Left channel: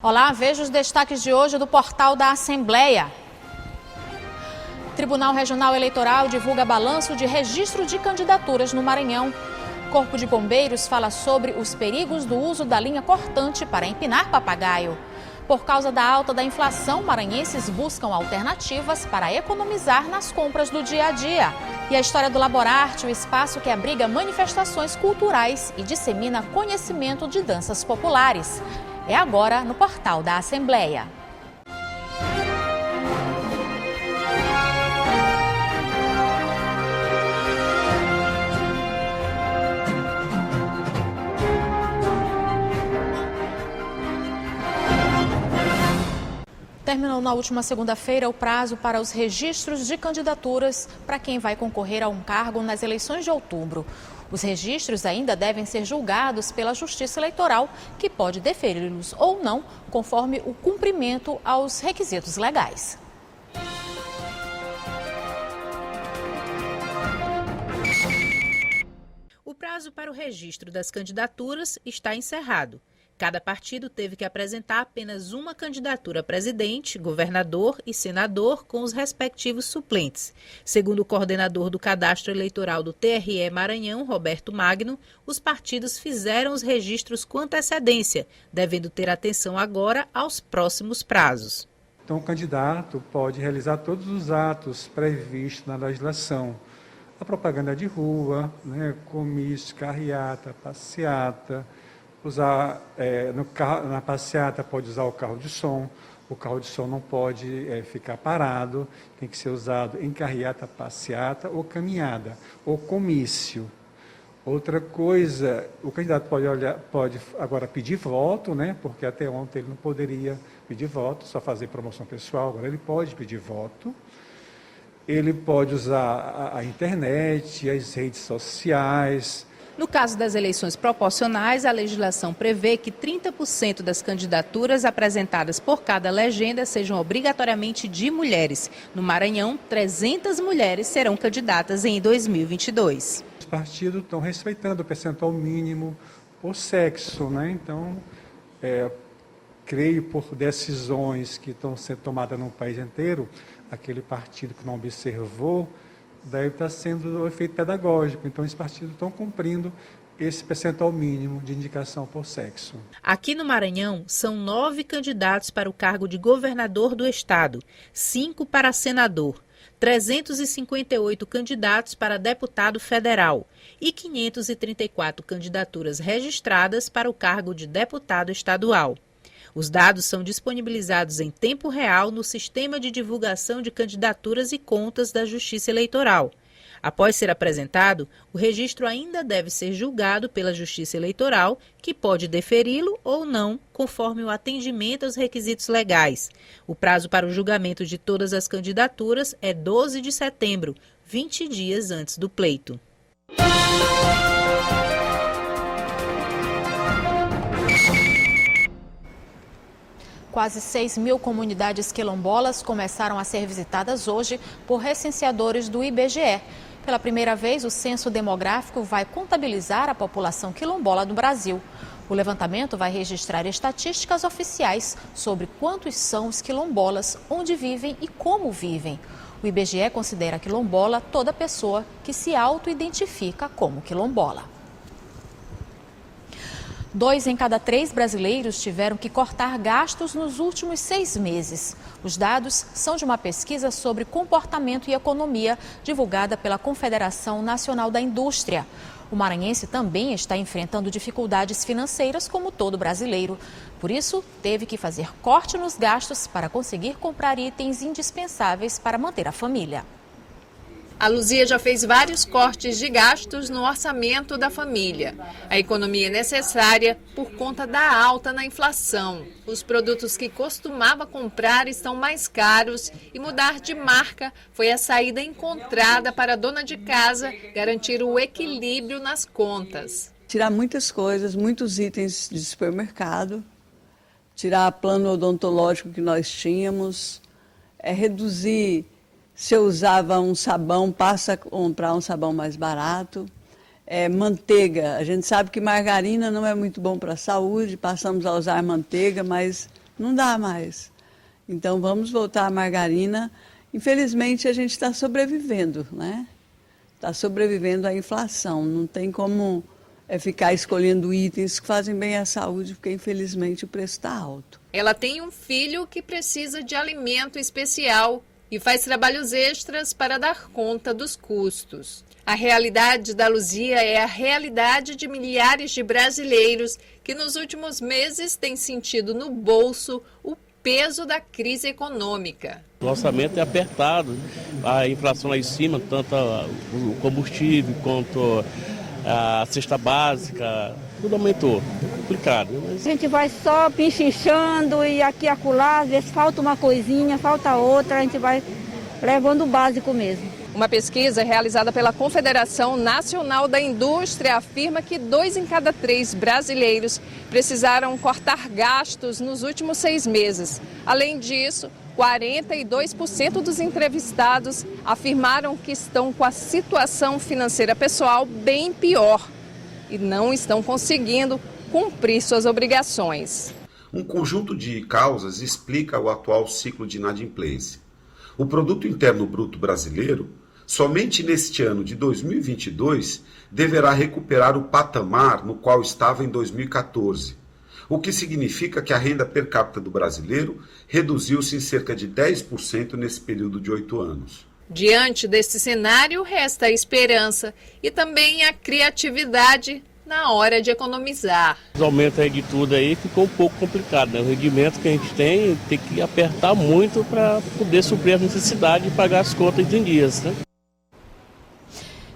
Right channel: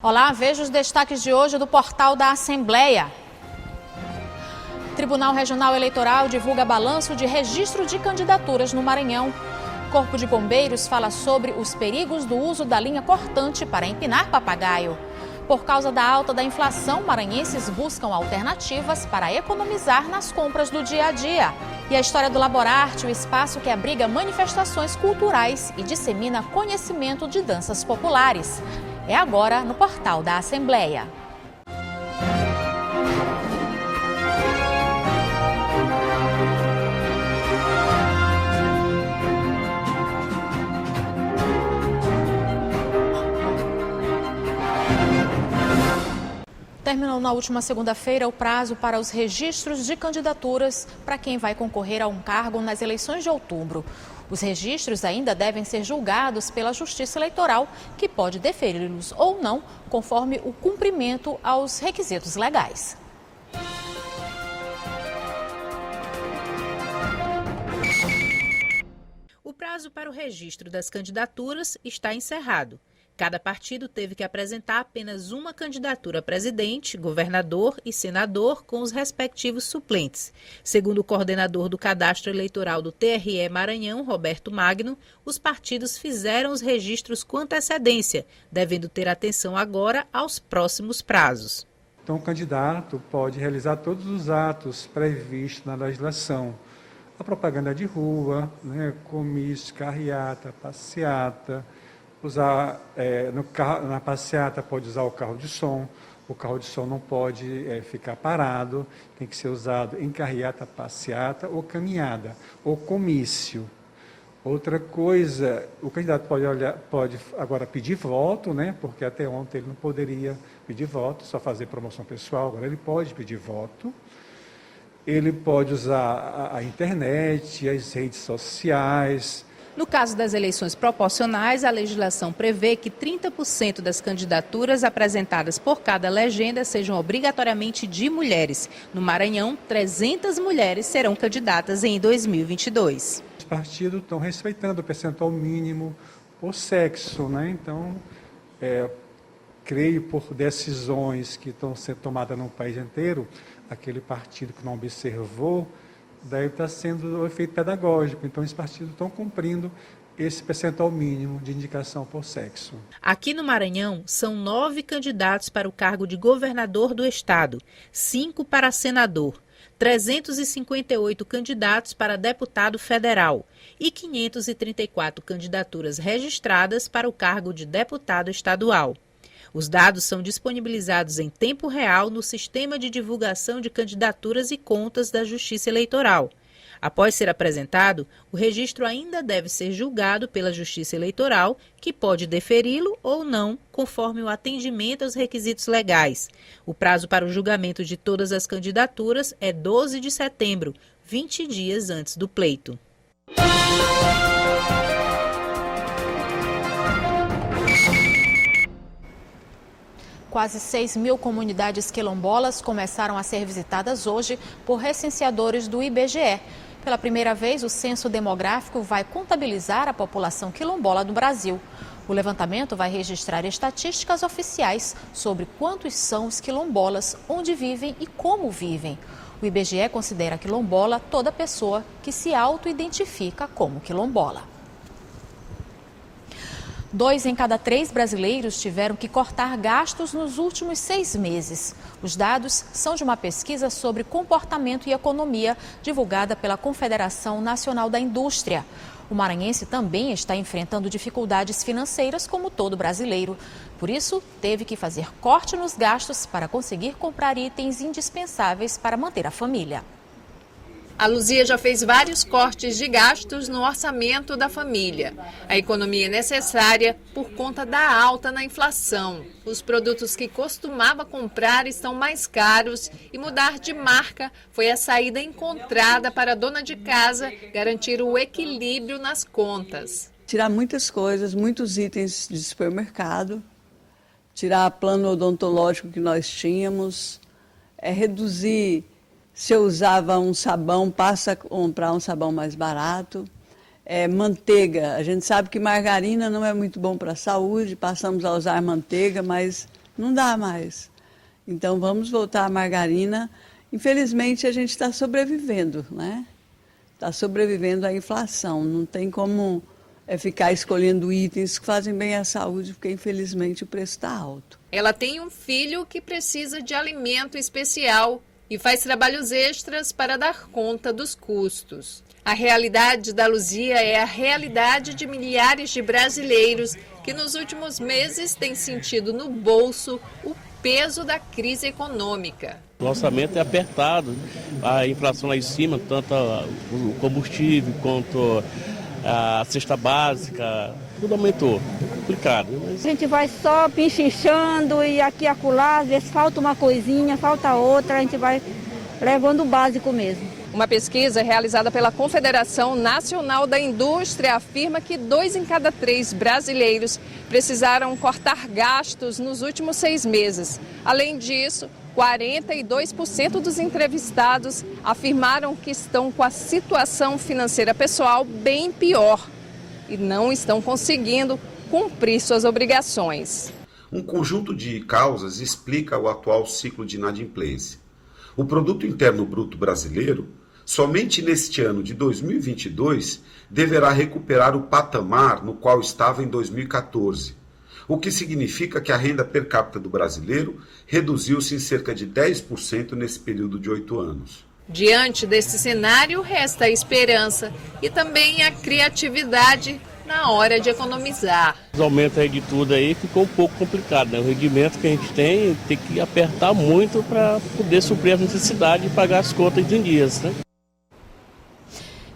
Olá, veja os destaques de hoje do portal da Assembleia. Tribunal Regional Eleitoral divulga balanço de registro de candidaturas no Maranhão. Corpo de Bombeiros fala sobre os perigos do uso da linha cortante para empinar papagaio. Por causa da alta da inflação, maranhenses buscam alternativas para economizar nas compras do dia a dia. E a história do Laborarte, o espaço que abriga manifestações culturais e dissemina conhecimento de danças populares. É agora no portal da Assembleia. Terminou na última segunda-feira o prazo para os registros de candidaturas para quem vai concorrer a um cargo nas eleições de outubro. Os registros ainda devem ser julgados pela Justiça Eleitoral, que pode deferi-los ou não, conforme o cumprimento aos requisitos legais. O prazo para o registro das candidaturas está encerrado. Cada partido teve que apresentar apenas uma candidatura a presidente, governador e senador com os respectivos suplentes. Segundo o coordenador do Cadastro Eleitoral do TRE Maranhão, Roberto Magno, os partidos fizeram os registros com antecedência, devendo ter atenção agora aos próximos prazos. Então, o candidato pode realizar todos os atos previstos na legislação. A propaganda de rua, comício, carreata, passeata. Na passeata pode usar o carro de som não pode ficar parado, tem que ser usado em carreata, passeata ou caminhada, ou comício. Outra coisa, o candidato pode agora pedir voto, porque até ontem ele não poderia pedir voto, só fazer promoção pessoal, agora ele pode pedir voto. Ele pode usar a internet, as redes sociais. No caso das eleições proporcionais, a legislação prevê que 30% das candidaturas apresentadas por cada legenda sejam obrigatoriamente de mulheres. No Maranhão, 300 mulheres serão candidatas em 2022. Os partidos estão respeitando o percentual mínimo por sexo, Então, creio por decisões que estão sendo tomadas no país inteiro, aquele partido que não observou, daí está sendo o efeito pedagógico. Então, os partidos estão cumprindo esse percentual mínimo de indicação por sexo. Aqui no Maranhão, são 9 candidatos para o cargo de governador do estado, 5 para senador, 358 candidatos para deputado federal e 534 candidaturas registradas para o cargo de deputado estadual. Os dados são disponibilizados em tempo real no Sistema de Divulgação de Candidaturas e Contas da Justiça Eleitoral. Após ser apresentado, o registro ainda deve ser julgado pela Justiça Eleitoral, que pode deferi-lo ou não, conforme o atendimento aos requisitos legais. O prazo para o julgamento de todas as candidaturas é 12 de setembro, 20 dias antes do pleito. Quase 6.000 comunidades quilombolas começaram a ser visitadas hoje por recenseadores do IBGE. Pela primeira vez, o censo demográfico vai contabilizar a população quilombola do Brasil. O levantamento vai registrar estatísticas oficiais sobre quantos são os quilombolas, onde vivem e como vivem. O IBGE considera quilombola toda pessoa que se auto-identifica como quilombola. 2 em cada 3 brasileiros tiveram que cortar gastos nos últimos 6 meses. Os dados são de uma pesquisa sobre comportamento e economia divulgada pela Confederação Nacional da Indústria. O maranhense também está enfrentando dificuldades financeiras como todo brasileiro. Por isso, teve que fazer corte nos gastos para conseguir comprar itens indispensáveis para manter a família. A Luzia já fez vários cortes de gastos no orçamento da família. A economia é necessária por conta da alta na inflação. Os produtos que costumava comprar estão mais caros e mudar de marca foi a saída encontrada para a dona de casa garantir o equilíbrio nas contas. Tirar muitas coisas, muitos itens de supermercado, tirar plano odontológico que nós tínhamos, reduzir. Se eu usava um sabão, passa a comprar um sabão mais barato. Manteiga, a gente sabe que margarina não é muito bom para a saúde, passamos a usar manteiga, mas Não dá mais. Então vamos voltar à margarina. Infelizmente a gente está sobrevivendo, né? Está sobrevivendo à inflação. Não tem como ficar escolhendo itens que fazem bem à saúde, porque infelizmente o preço está alto. Ela tem um filho que precisa de alimento especial e faz trabalhos extras para dar conta dos custos. A realidade da Luzia é a realidade de milhares de brasileiros que nos últimos meses têm sentido no bolso o peso da crise econômica. O orçamento é apertado, a inflação lá em cima, tanto o combustível quanto a cesta básica, tudo aumentou, é complicado. A gente vai só pinchinchando e aqui e acolá, às vezes falta uma coisinha, falta outra, a gente vai levando o básico mesmo. Uma pesquisa realizada pela Confederação Nacional da Indústria afirma que 2 em cada 3 brasileiros precisaram cortar gastos nos últimos 6 meses. Além disso, 42% dos entrevistados afirmaram que estão com a situação financeira pessoal bem pior e não estão conseguindo cumprir suas obrigações. Um conjunto de causas explica o atual ciclo de inadimplência. O Produto Interno Bruto brasileiro, somente neste ano de 2022, deverá recuperar o patamar no qual estava em 2014, o que significa que a renda per capita do brasileiro reduziu-se em cerca de 10% nesse período de 8 anos. Diante desse cenário, resta a esperança e também a criatividade na hora de economizar. O aumento aí de tudo aí ficou um pouco complicado, né? O rendimento que a gente tem que apertar muito para poder suprir as necessidades e pagar as contas em dias, né?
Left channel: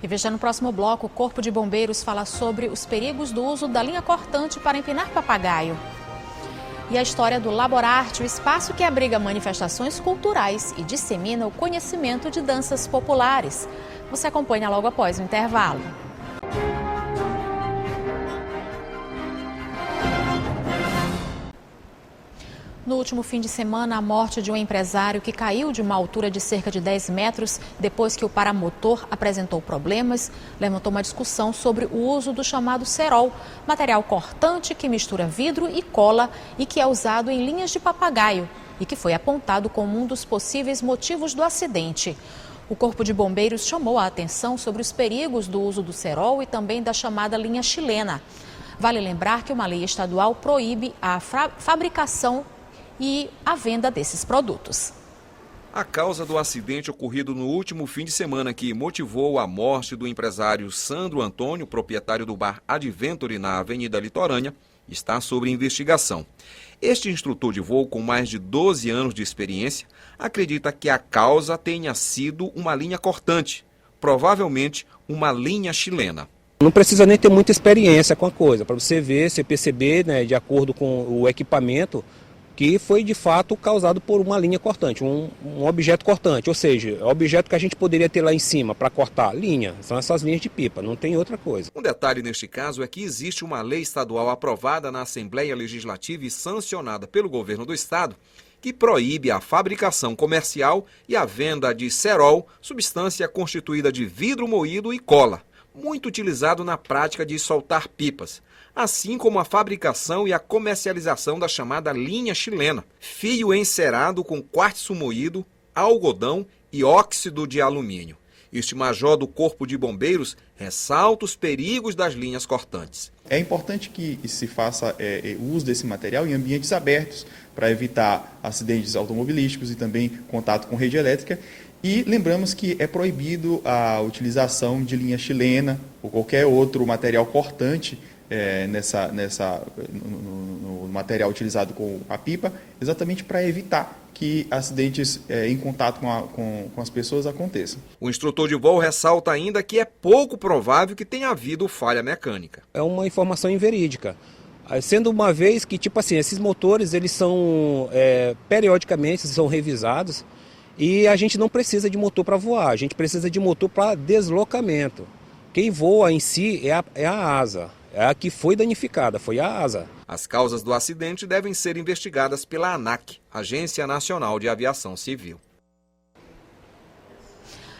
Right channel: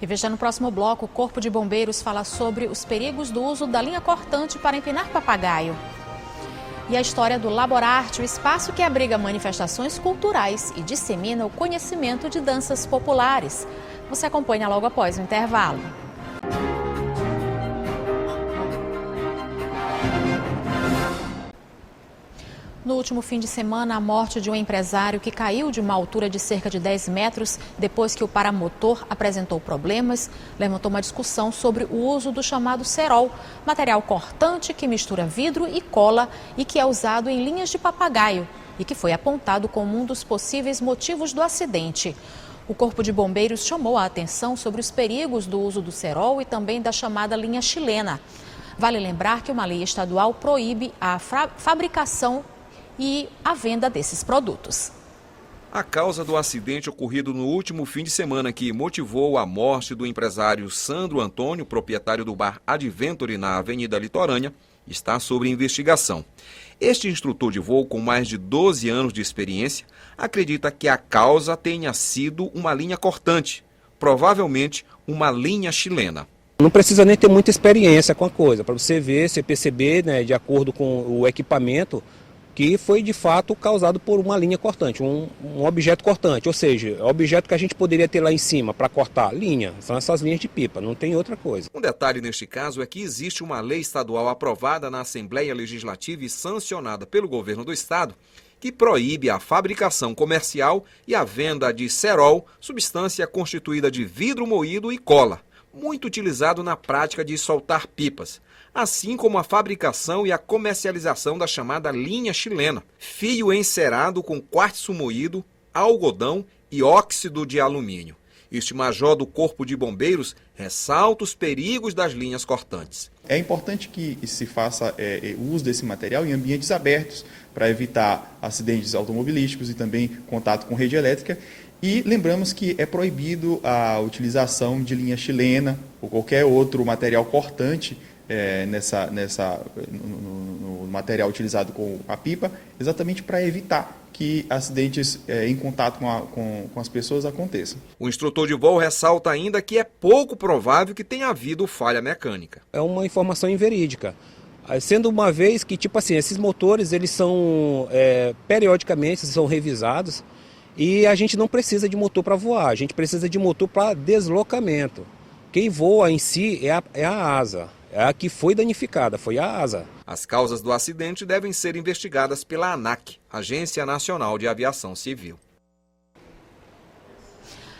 E veja no próximo bloco, o Corpo de Bombeiros fala sobre os perigos do uso da linha cortante para empinar papagaio. E a história do Laborarte, o espaço que abriga manifestações culturais e dissemina o conhecimento de danças populares. Você acompanha logo após o intervalo. No último fim de semana, a morte de um empresário que caiu de uma altura de cerca de 10 metros depois que o paramotor apresentou problemas, levantou uma discussão sobre o uso do chamado cerol, material cortante que mistura vidro e cola e que é usado em linhas de papagaio e que foi apontado como um dos possíveis motivos do acidente. O Corpo de Bombeiros chamou a atenção sobre os perigos do uso do cerol e também da chamada linha chilena. Vale lembrar que uma lei estadual proíbe a fabricação e a venda desses produtos. A causa do acidente ocorrido no último fim de semana que motivou a morte do empresário Sandro Antônio, proprietário do bar Adventure na Avenida Litorânea, está sob investigação. Este instrutor de voo, com mais de 12 anos de experiência, acredita que a causa tenha sido uma linha cortante, provavelmente uma linha chilena. Não precisa nem ter muita experiência com a coisa, para você ver, você perceber, né, de acordo com o equipamento, que foi de fato causado por uma linha cortante, um objeto cortante, ou seja, o objeto que a gente poderia ter lá em cima para cortar linha, são essas linhas de pipa, não tem outra coisa. Um detalhe neste caso é que existe uma lei estadual aprovada na Assembleia Legislativa e sancionada pelo governo do estado, que proíbe a fabricação comercial e a venda de cerol, substância constituída de vidro moído e cola, muito utilizado na prática de soltar pipas, assim como a fabricação e a comercialização da chamada linha chilena, fio encerado com quartzo moído, algodão e óxido de alumínio. Este major do Corpo de Bombeiros ressalta os perigos das linhas cortantes. É importante que se faça uso desse material em ambientes abertos para evitar acidentes automobilísticos e também contato com rede elétrica. E lembramos que é proibido a utilização de linha chilena ou qualquer outro material cortante no material utilizado com a pipa, exatamente para evitar que acidentes em contato com as pessoas aconteçam. O instrutor de voo ressalta ainda que é pouco provável que tenha havido falha mecânica. É uma informação inverídica, sendo uma vez que, tipo assim, esses motores, eles são, periodicamente, são revisados e a gente não precisa de motor para voar, a gente precisa de motor para deslocamento. Quem voa em si é a asa. É a que foi danificada, foi a asa. As causas do acidente devem ser investigadas pela ANAC, Agência Nacional de Aviação Civil.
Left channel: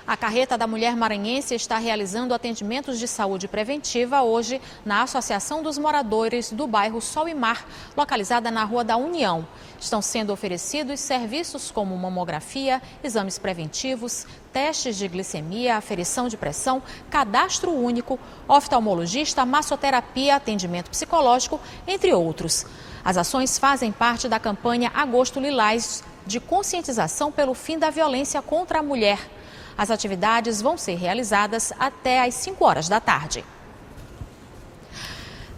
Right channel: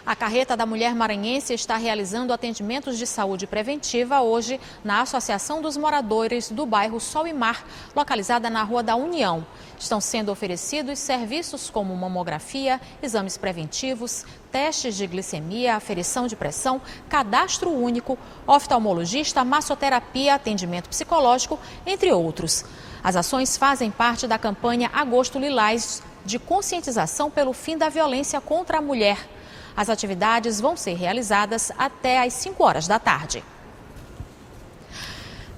A Carreta da Mulher Maranhense está realizando atendimentos de saúde preventiva hoje na Associação dos Moradores do bairro Sol e Mar, localizada na Rua da União. Estão sendo oferecidos serviços como mamografia, exames preventivos, testes de glicemia, aferição de pressão, cadastro único, oftalmologista, massoterapia, atendimento psicológico, entre outros. As ações fazem parte da campanha Agosto Lilás, de conscientização pelo fim da violência contra a mulher. As atividades vão ser realizadas até às 5 horas da tarde.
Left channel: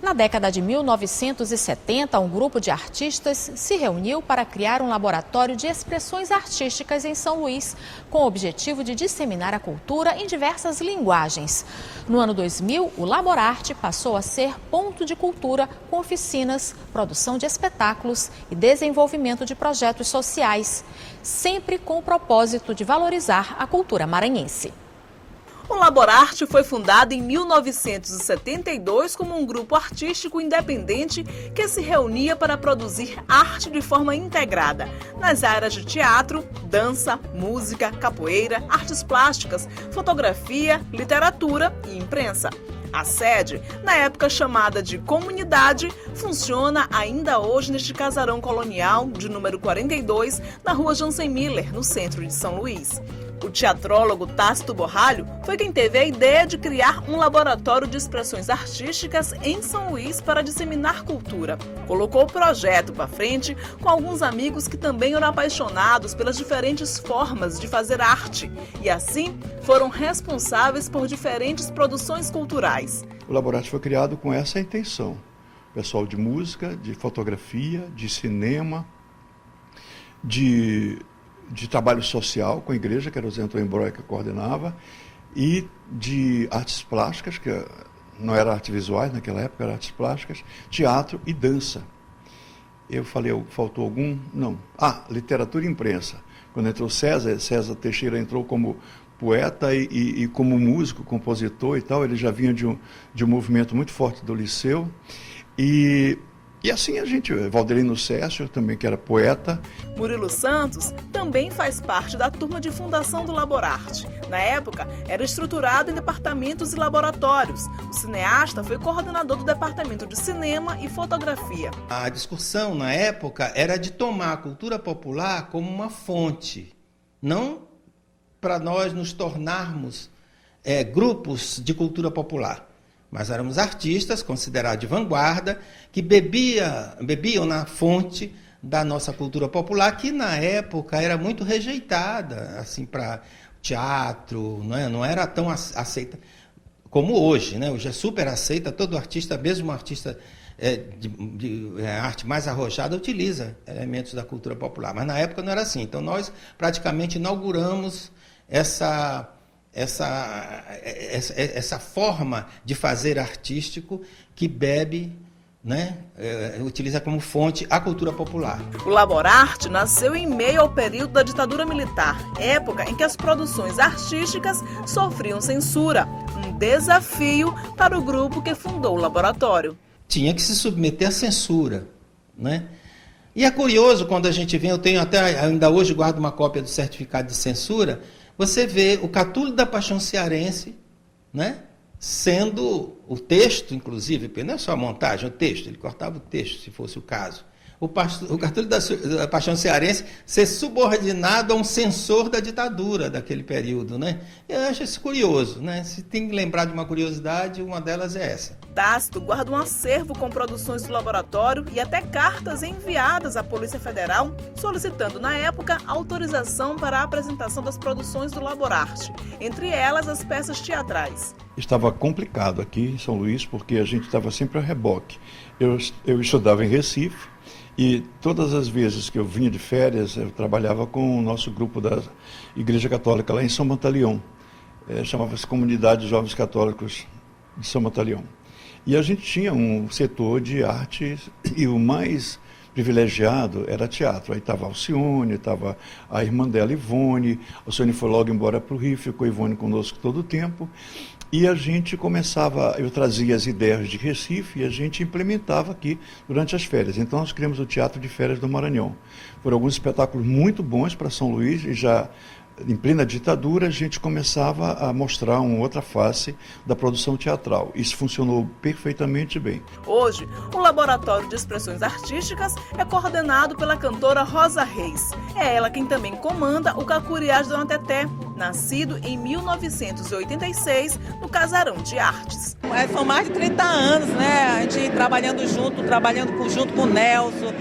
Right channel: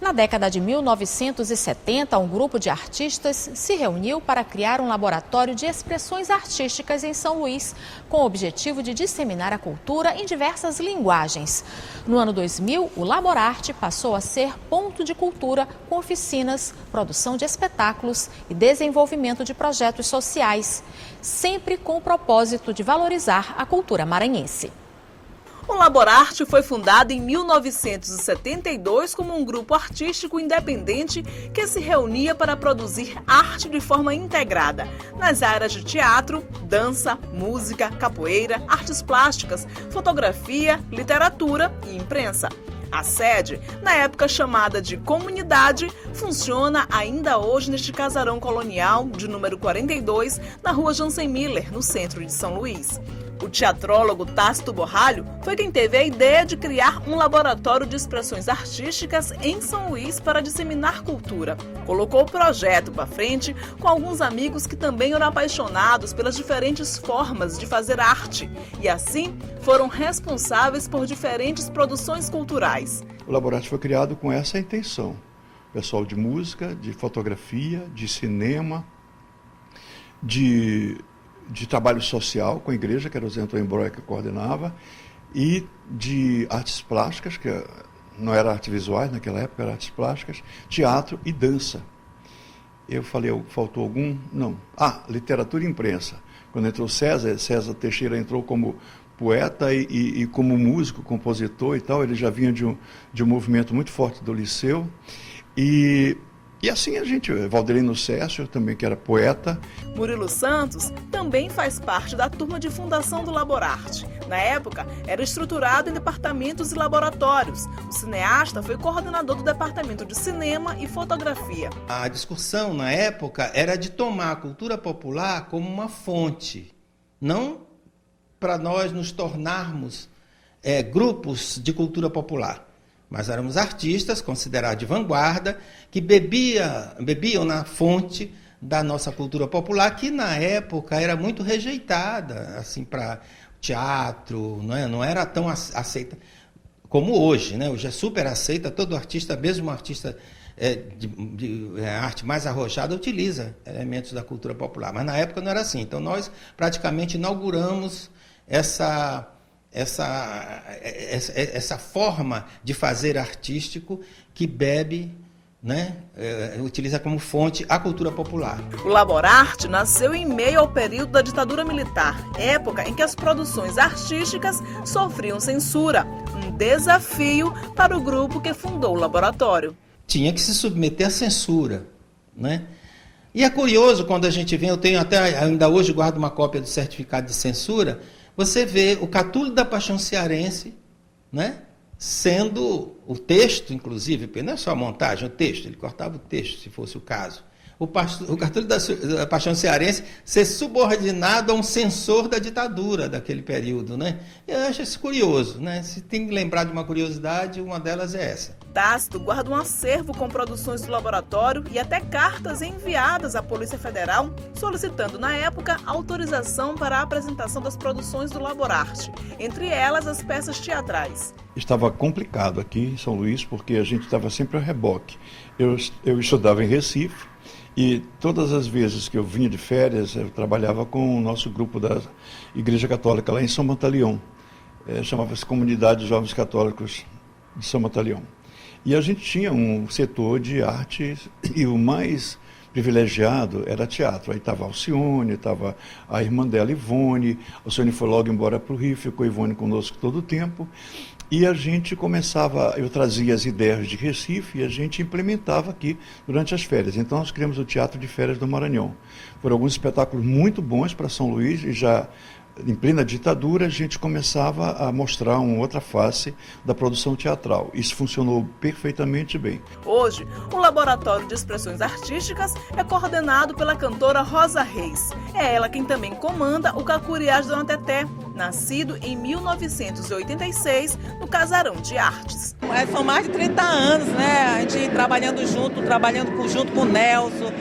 Na década de 1970, um grupo de artistas se reuniu para criar um laboratório de expressões artísticas em São Luís, com o objetivo de disseminar a cultura em diversas linguagens. No ano 2000, o Laborarte passou a ser ponto de cultura com oficinas, produção de espetáculos e desenvolvimento de projetos sociais, sempre com o propósito de valorizar a cultura maranhense. O Laborarte foi fundado em 1972 como um grupo artístico independente que se reunia para produzir arte de forma integrada nas áreas de teatro, dança, música, capoeira, artes plásticas, fotografia, literatura e imprensa. A sede, na época chamada de Comunidade, funciona ainda hoje neste casarão colonial de número 42, na rua Jansen Miller, no centro de São Luís. O teatrólogo Tácito Borralho foi quem teve a ideia de criar um laboratório de expressões artísticas em São Luís para disseminar cultura. Colocou o projeto para frente com alguns amigos que também eram apaixonados pelas diferentes formas de fazer arte e assim foram responsáveis por diferentes produções culturais. O laboratório foi criado com essa intenção. Pessoal de música, de fotografia, de cinema, de trabalho social com a igreja, que era o Zé Antônio Broia que coordenava, e de artes plásticas, que não era artes visuais naquela época, era artes plásticas, teatro e dança. Eu falei, faltou algum? Não. Literatura e imprensa. Quando entrou César Teixeira entrou como poeta e como músico, compositor e tal, ele já vinha de um movimento muito forte do Liceu. E assim a gente, Valdelino Cécio também, que era poeta. Murilo Santos também faz parte da turma de fundação do Laborarte. Na época, era estruturado em departamentos e laboratórios. O cineasta foi coordenador do departamento de cinema e fotografia. A discussão na época era de tomar a cultura popular como uma fonte, não para nós nos tornarmos grupos de cultura popular. Mas éramos artistas considerados de vanguarda, que bebiam na fonte da nossa cultura popular, que na época era muito rejeitada, assim, para teatro, não era tão aceita como hoje, né? Hoje é super aceita, todo artista, mesmo um artista de arte mais arrojada, utiliza elementos da cultura popular, mas na época não era assim. Então nós praticamente inauguramos essa forma de fazer artístico que bebe, utiliza como fonte a cultura popular. O Laborarte nasceu em meio ao período da ditadura militar, época em que as produções artísticas sofriam censura, um desafio para o grupo que fundou o laboratório. Tinha que se submeter à censura, né? E é curioso quando a gente vê, eu tenho até, ainda hoje guardo uma cópia do certificado de censura, você vê o Catulho da Paixão Cearense, sendo o texto, inclusive, porque não é só a montagem, o texto, ele cortava o texto, se fosse o caso. O Catulho da Paixão Cearense ser subordinado a um censor da ditadura daquele período, Eu acho isso curioso, Se tem que lembrar de uma curiosidade, uma delas é essa. Tácito guarda um acervo com produções do laboratório e até cartas enviadas à Polícia Federal, solicitando, na época, autorização para a apresentação das produções do Laborarte, entre elas as peças teatrais. Estava complicado aqui em São Luís, porque a gente estava sempre a reboque. Eu estudava em Recife, e todas as vezes que eu vinha de férias, eu trabalhava com o nosso grupo da Igreja Católica lá em São Montaleão. Chamava-se Comunidade de Jovens Católicos de São Montaleão. E a gente tinha um setor de arte, e o mais privilegiado era teatro. Aí estava a Alcione, estava a irmã dela, Ivone. A Alcione foi logo embora para o Rio, ficou a Ivone conosco todo o tempo. E a gente começava, eu trazia as ideias de Recife e a gente implementava aqui durante as férias. Então nós criamos o Teatro de Férias do Maranhão. Foram alguns espetáculos muito bons para São Luís e já em plena ditadura, a gente começava a mostrar uma outra face da produção teatral. Isso funcionou perfeitamente bem. Hoje, o Laboratório de Expressões Artísticas é coordenado pela cantora Rosa Reis. É ela quem também comanda o Cacuriá de Dona Teté, nascido em 1986 no Casarão de Artes. São mais de 30 anos, né? A gente trabalhando junto com o Nelson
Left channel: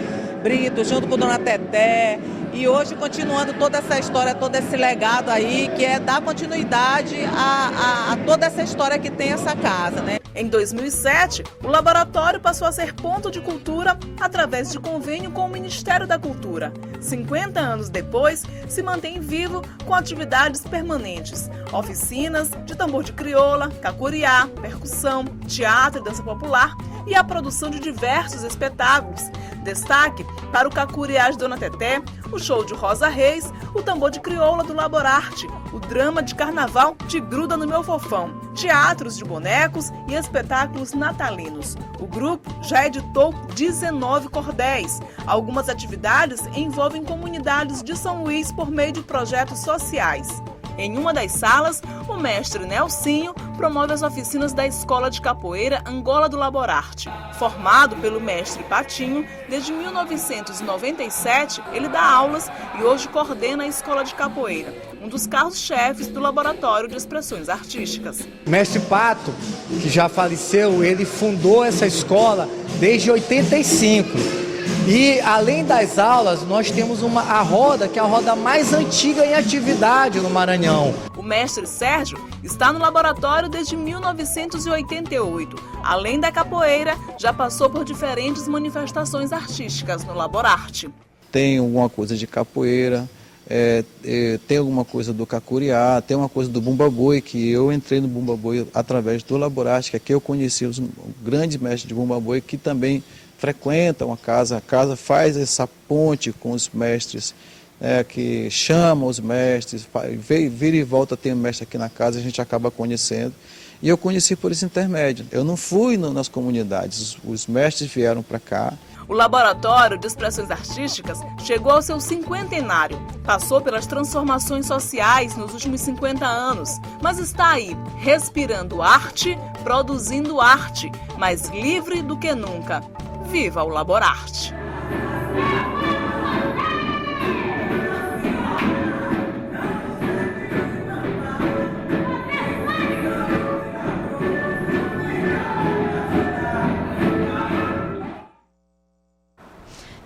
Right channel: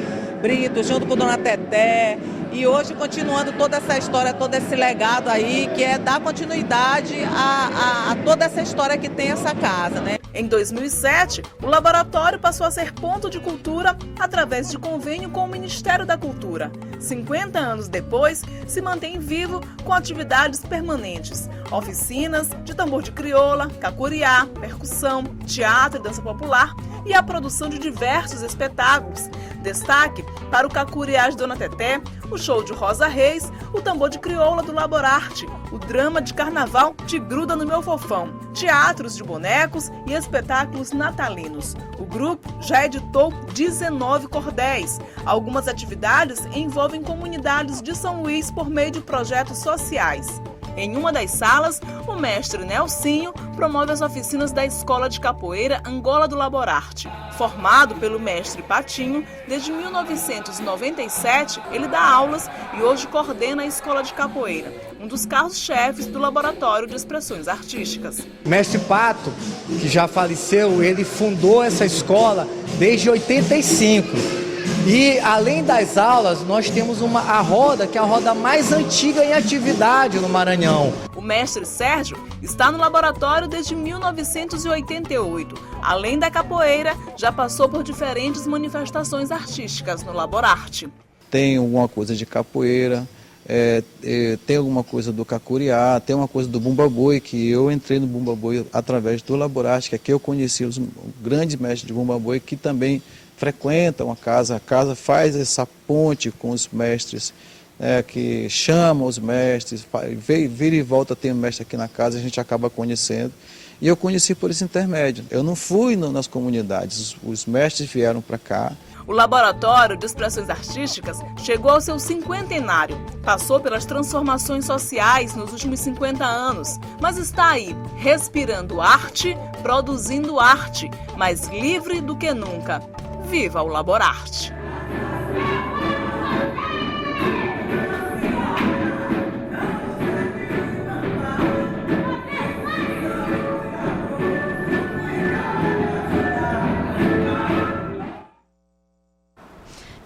Brito, junto com Dona Teté. E hoje continuando toda essa história, todo esse legado aí, que é dar continuidade a toda essa história que tem essa casa, né? Em 2007, o laboratório passou a ser ponto de cultura através de convênio com o Ministério da Cultura. 50 anos depois, se mantém vivo com atividades permanentes, oficinas de tambor de crioula, cacuriá, percussão, teatro e dança popular e a produção de diversos espetáculos. Destaque para o Cacuriá de Dona Teté, o show de Rosa Reis, o tambor de crioula do Laborarte, o drama de carnaval Te Gruda no Meu Fofão, teatros de bonecos e espetáculos natalinos. O grupo já editou 19 cordéis. Algumas atividades envolvem comunidades de São Luís por meio de projetos sociais. Em uma das salas, o mestre Nelsinho promove as oficinas da Escola de Capoeira Angola do Laborarte. Formado pelo mestre Patinho, desde 1997 ele dá aulas e hoje coordena a Escola de Capoeira, um dos carros-chefes do Laboratório de Expressões Artísticas. Mestre Pato, que já faleceu, ele fundou essa escola desde 85. E além das aulas, nós temos a roda, que é a roda mais antiga em atividade no Maranhão. O mestre Sérgio está no laboratório desde 1988. Além da capoeira, já passou por diferentes manifestações artísticas no Laborarte. Tem alguma coisa de capoeira, tem alguma coisa do cacuriá, tem uma coisa do bumba boi, que eu entrei no bumba boi através do Laborarte, que aqui eu conheci os grandes mestres de bumba boi que também frequentam a casa faz essa ponte com os mestres, que chamam os mestres, vira e volta tem um mestre aqui na casa, a gente acaba conhecendo. E eu conheci por esse intermédio. Eu não fui nas comunidades, os mestres vieram para cá. O Laboratório de Expressões Artísticas chegou ao seu 50º. Passou pelas transformações sociais nos últimos 50 anos, mas está aí, respirando arte, produzindo arte, mais livre do que nunca. Viva o Laborarte!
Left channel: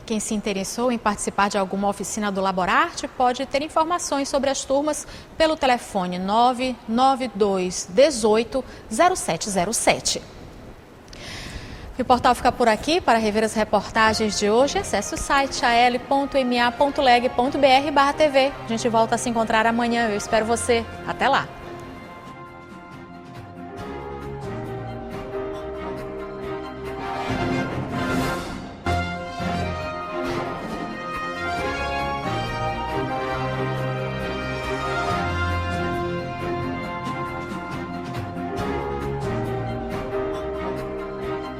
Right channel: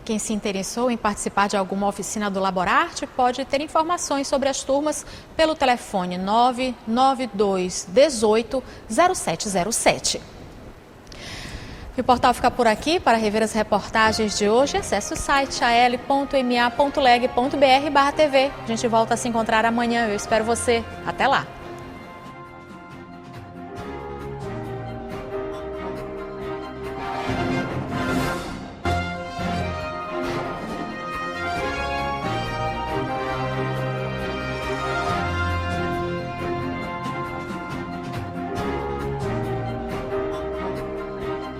Quem se interessou em participar de alguma oficina do Laborarte pode ter informações sobre as turmas pelo telefone 992 18 0707. O portal fica por aqui. Para rever as reportagens de hoje, acesse o site al.ma.leg.br/tv. A gente volta a se encontrar amanhã. Eu espero você. Até lá!